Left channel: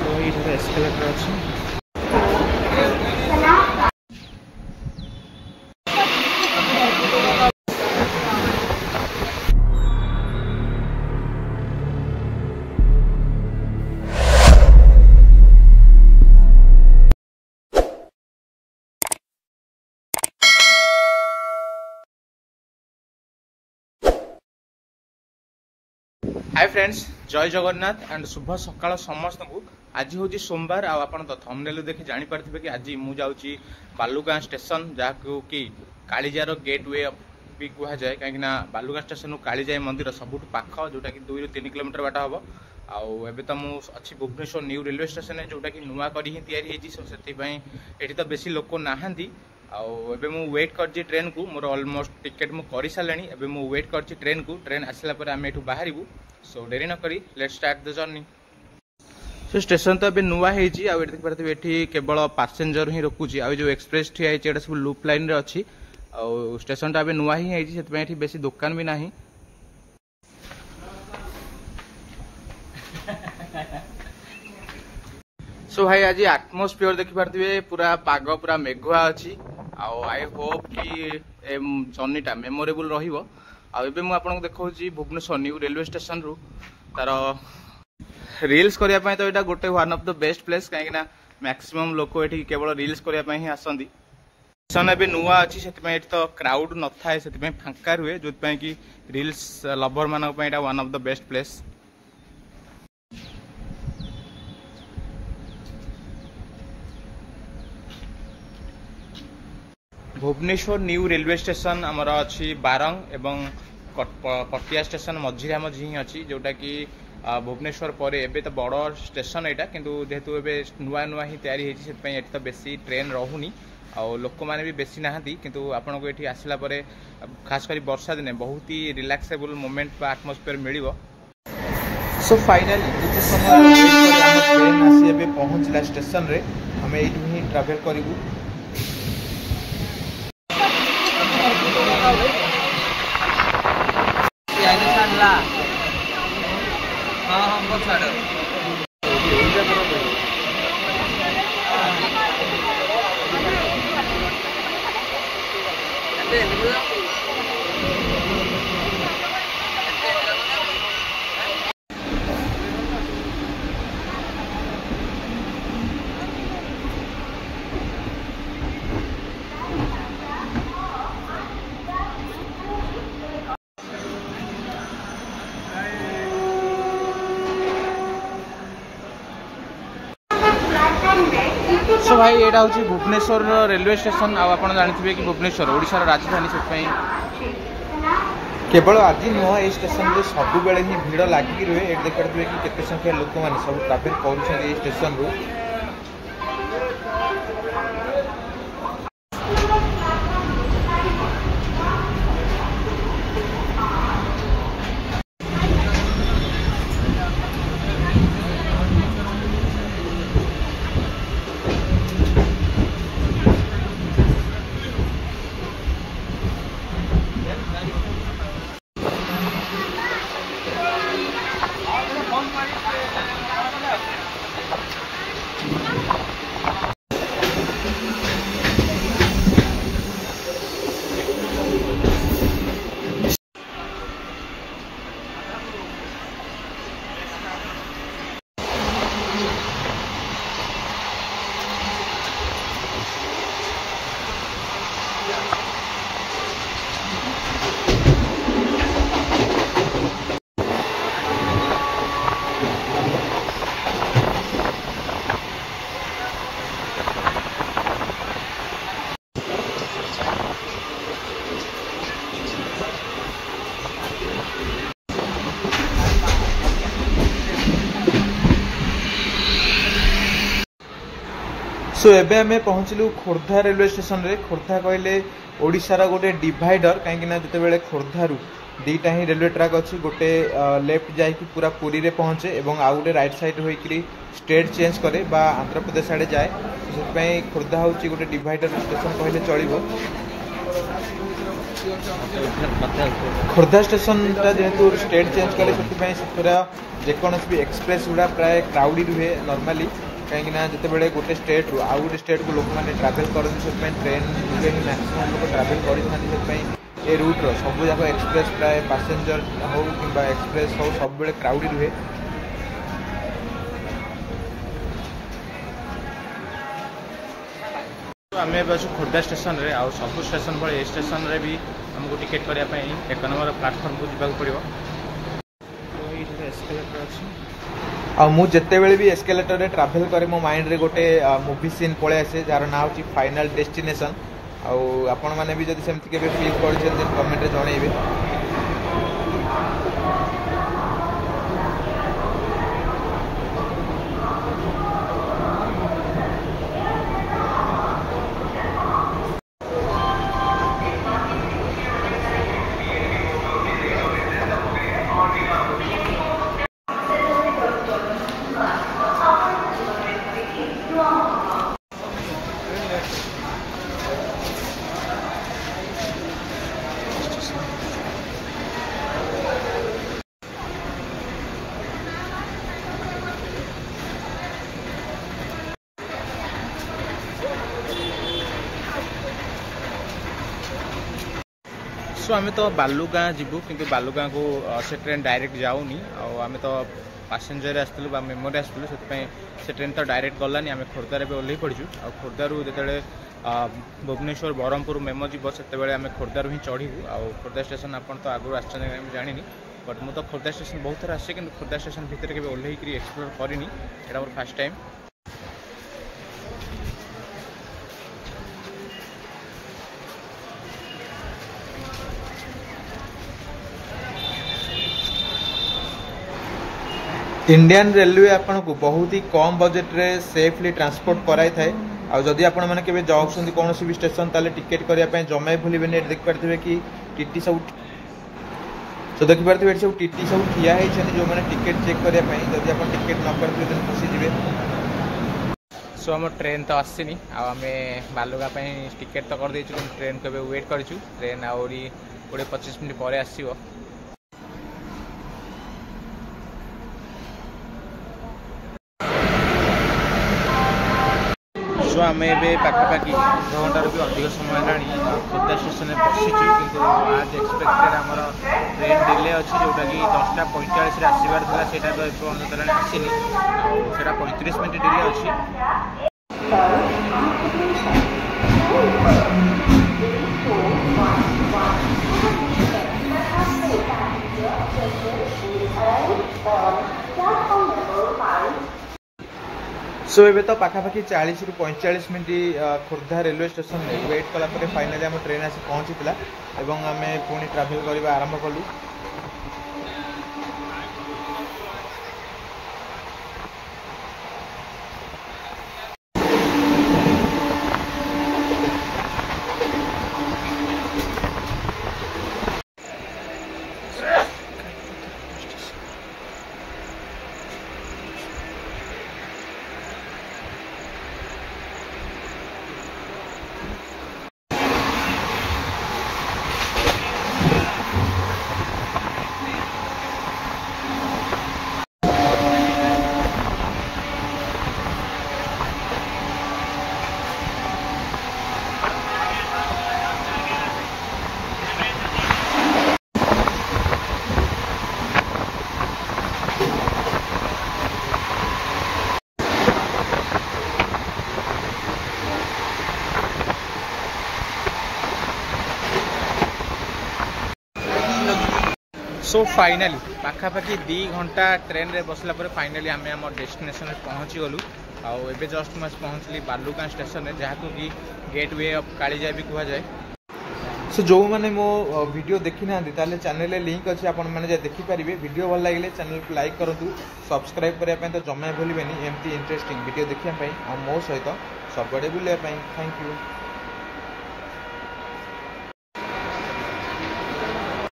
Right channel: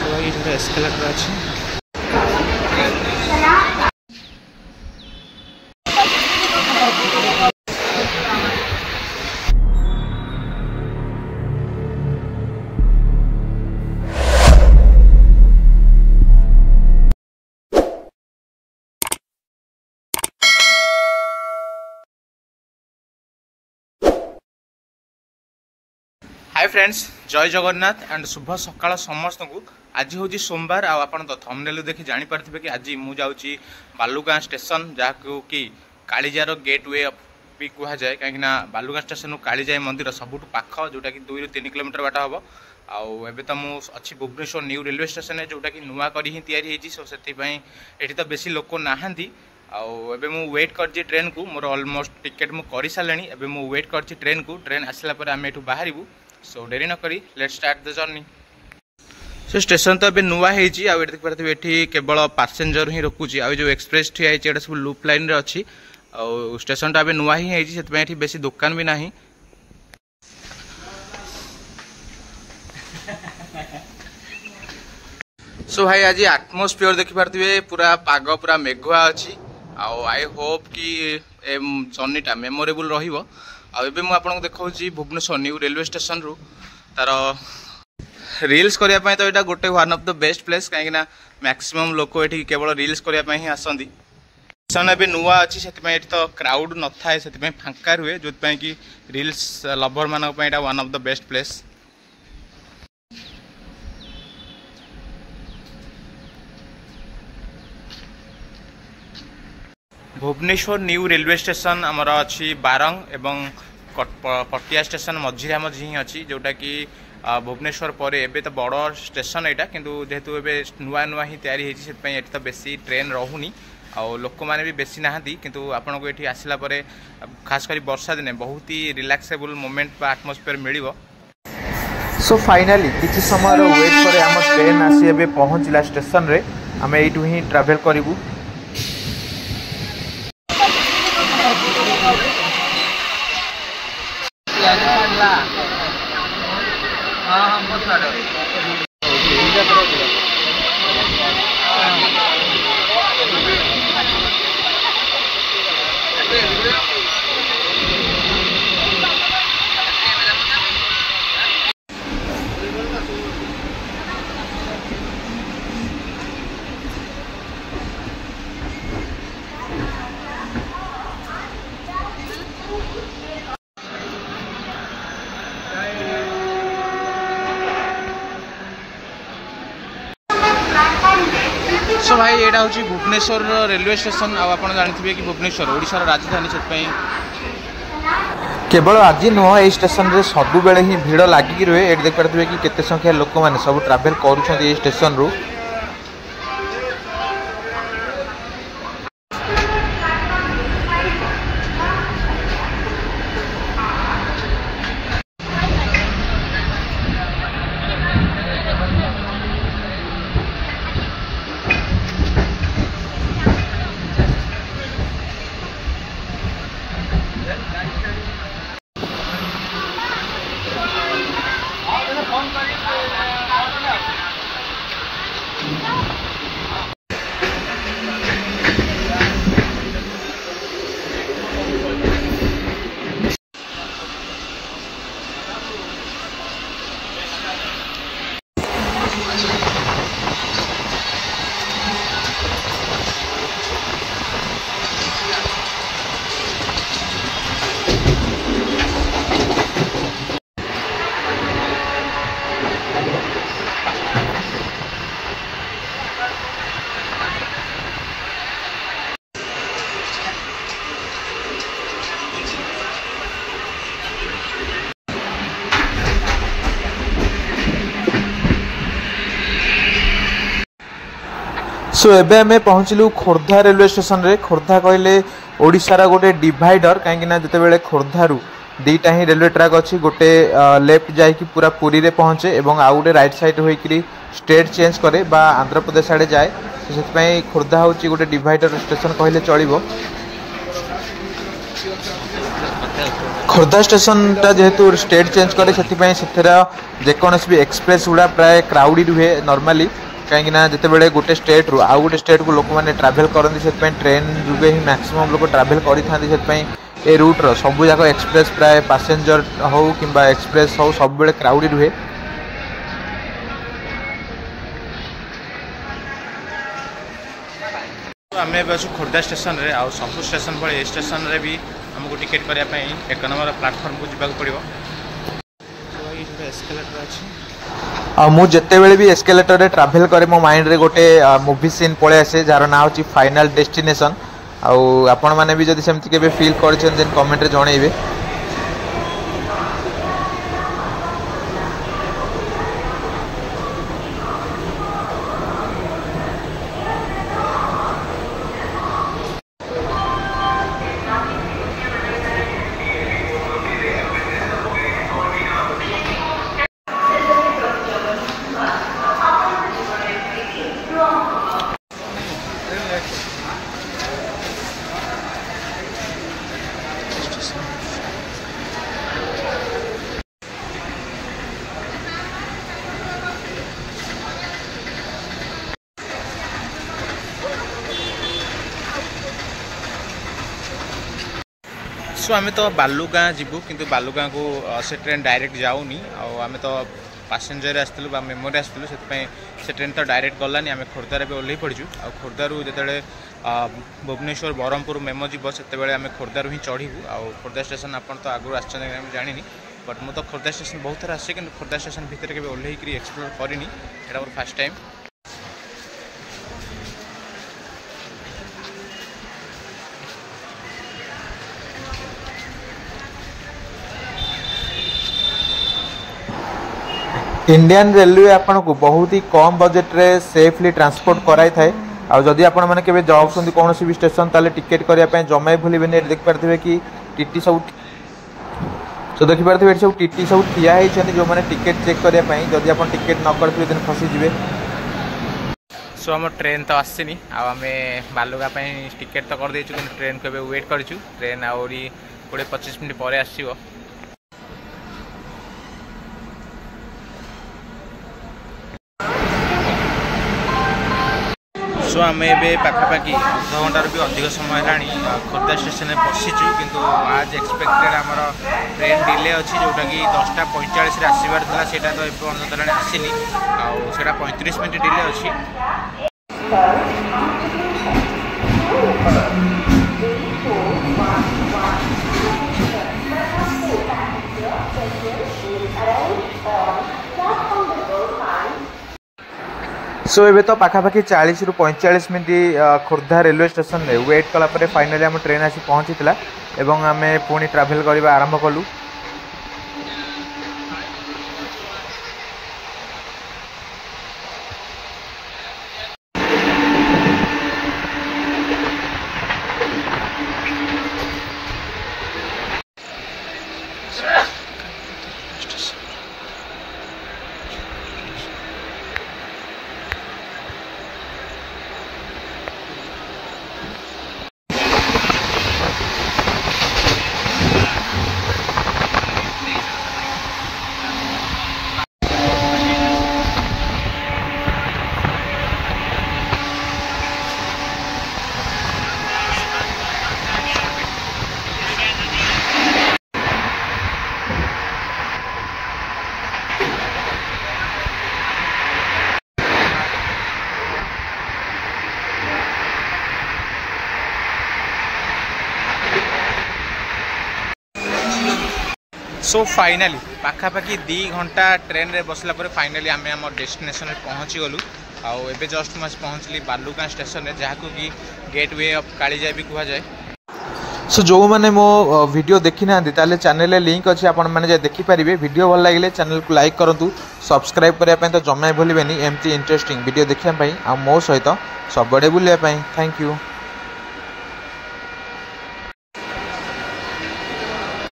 तो ये एस्केलेटर अच्छी। हाय फ्रेंड्स, जय जगन्नाथ एंड शुभ सकाळ समस्त को। आज हूँ सोमवार आप थंबनेल देखि जानी पारथिबे कि आज मु जाउची बालुगाँ स्टेशन जहाँ कि कालीजार गेटवे भी कह जाए कहीं बालुगाँ स्टेशन कालीजाई मंदिर सबुठ पाख जोटा कि 2 ରୁ 3 किलोमीटर बाट हम। आबे तो मुझे भुवनेश्वर न्यू रेलवे स्टेशन जोटा कि नुआ करी ही तैयारी होती सो से तो बेसी लोक नाहांती। आबे मु वेट कर ट्रेन को मोर ऑलमोस्ट टिकेट मु कर सारे। एबे मु वेट कर ट्रेन को, ट्रेन आसला पर आम एठू बाहरबू। सो डेरी न करी let's start the journey. So station तो अभी नुआ है देख पारे ये केवल पैसेंजर ही रोकुची। आ जो एक्सप्रेस ठिया है सब लूप लाइन रे अच्छी। आ स्टेशन टा अभी नुआ ही है बेसी दुकान भी नहीं। सो भाई आज एटमोस्फियर देखि पारे पूरा पाग पूरा मेघुआ अच्छी। आई होप कि जर्नीटा मेमोरेबल रहिबो। आबे मु आपन को देखौची भुवनेश्वर न्यू रेलवे स्टेशन रु तार रील्स करिया पय। तो एटा गोटे one of the best place कहीं मैक्सिमम लोक एठी केवल रील्स करिया पय ही आसंदी। स्टेशन एबे नुआ अछि सेति पय एठी तो क्राउड न थाए, सेति पय फांका रुए जोत पय कि रील्स लवर मानक पय एटा one of the best place. Bhubaneswar new railway station आमर अच्छी बारंग एवं पटिया स्टेशन मझिरे मझी ही अच्छी जोटा कि भुवनेश्वर पर एबे तो बड़ स्टेशन यहाँ किंतु जेहेतु एबे नुआ नुआ ही तैयारी होती तो बेसी ट्रेन रहूनी आ लोक मैंने भी बेसी नहांती। किंतु आपन को ये आसला परे खास कर वर्षा दिने बहुत ही रिलैक्सेबल मोमेंट बा एटमॉस्फेयर मिलिबो। सो फाइनली किसी समय वेट करे हम ट्रेन आसी एबे पहुंचला स्टेशन रे। हम एठू ही ट्रैवल करिवु। सो भाई यहाँ हूँ भुवनेश्वर रेलवे स्टेशन। आप जानते कि भुवनेश्वर ओडिशार राजधानी से केवल आज नुह ये स्टेशन रे सबु बेले ही भीड़ लागिक रुए। ये देख पारे कि केते संख्या लोक मैंने सब ट्रैवल करुछंती स्टेशन रु। सो एबे आम पहुँचलु खोर्धा रेलवे स्टेशन रे। खोर्धा कहले ओडिशार गोटे डिवाइडर कहीं जिते खोर्धारू दीटा ही रेलवे ट्रैक अच्छी। गोटे लेफ्ट जाकि पूरा पुरी रे पहुँचे और आउ गोटे राइट साइड होकर स्टेट चेंज करे बा आंध्र प्रदेश आड़े जाए। से खोर्धा हूँ गोटे डिवाइडर स्टेशन कहले चलो। खोर्धा स्टेशनटा जेहेतु स्टेट चेंज करे से जेकोसी भी एक्सप्रेस गुड़ा प्राय क्राउडेड हुए नॉर्मली कहीं जिते गोटे स्टेट रु आउ गोटे स्टेट को लोक मैंने ट्रावेल करती से ट्रेन रुए ही मैक्सिमम लोग ट्रावेल करें रूट्र सबू जाक एक्सप्रेस प्राय पैसेंजर हो कि एक्सप्रेस हो सब क्राउडेड हुए। आम अच्छे खोर्धा स्टेशन रे आउ सब स्टेशन भाई स्टेशन रे भी हमको टिकेट करने एक नंबर प्लाटफर्म को जावाक पड़ो। एस्केलेटर अच्छी मु जितेबले भी एस्केलेटर रे ट्रैवल करे मो माइंड रे गोटे मूवी सीन पळे आसे जार ना होची फाइनल डेस्टिनेशन आउ आपण माने भी जदि सेमति केबे फील करछन देन कमेंट रे जणैबे। सो आम तो बालुगाँ जीवु किंतु बालुगाँ को से ट्रेन डायरेक्ट जाऊनी आम तो पैसेंजर आसलु मेमोरी आसलु से ट्रेन तो डायरेक्ट गलानी आम खोर्धार भी ओह्ल पड़चु आ खोर्धारू जो भुवनेश्वर बरहमपुर मेमो जीव से आम खोर्धारू ही चढ़ू आ खोर्धा स्टेशन आप तो आगु आसनी जानी बट मुझे तो खोर्धा स्टेशन बहुत थर आसे कि खोर्धा स्टेशन भितर के ओह्ल एक्सप्लोर करनी एटा more first time. Indian railway आपन को बहुत ही कम बजेट रे सेफली ट्रांसपोर्ट कराई थाए आ जदि आपण माने केबे जाउछन कौन भी स्टेशन ताले टिकेट करिया पे जमाई भूलिबेनी देख पारथिबे कि टीटी सब तो देख पारथिबे सब टीटी सब ठिया है छन जो माने टिकेट चेक करिया पे जदि आपण टिकेट न करथिबे देन फसी जिवे। सो हम ट्रेन तो आसनी आम बालुगा टिकेट तो कर देचु कि ट्रेन को वेट करूँ ट्रेन आहरी 20-25 मिनट पर आसो। सो आम ए पाखापाखि अध घंटार भी अधिक समय है खोर्धा स्टेशन में बसीचु किंतु आज एक्सपेक्टेड आमर ट्रेन डिले अच्छी जोटा कि 10:45 आसबार था सेटा तो एपर्तन आसनी आटा 35 मिनट डिले अच्छी। सो एबे तो पाखापाखि 40 ରୁ 45 मिनट खोर्धा रेलवे स्टेशन में वेट कला परे फाइनली आम ट्रेन आसी पहुंची एवं आम पुणी ट्रैवल करने आरंभ कलु। सो फाइनाली पाखापाखि 2 घंटा ट्रेन रे बसला पर फाइनाली आम आम डेस्टिनेशन में पहुँची गलु आबे जस्ट मैं पहुँचली बालुगाँ स्टेशन में जहाँ कि गेटवे ऑफ कालीजाई भी कह जाए। सो जो मैंने मो वीडियो देखी ना ताले चैनल लिंक अच्छी आपण मैंने देखिपारे वीडियो भल लगे चैनल को लाइक करूँ सब्सक्राइब करने तो जमा भूलें एमती इंटरेस्टिंग वीडियो देखापी आ मो सहित सबड़े बुलायापी। Thank you.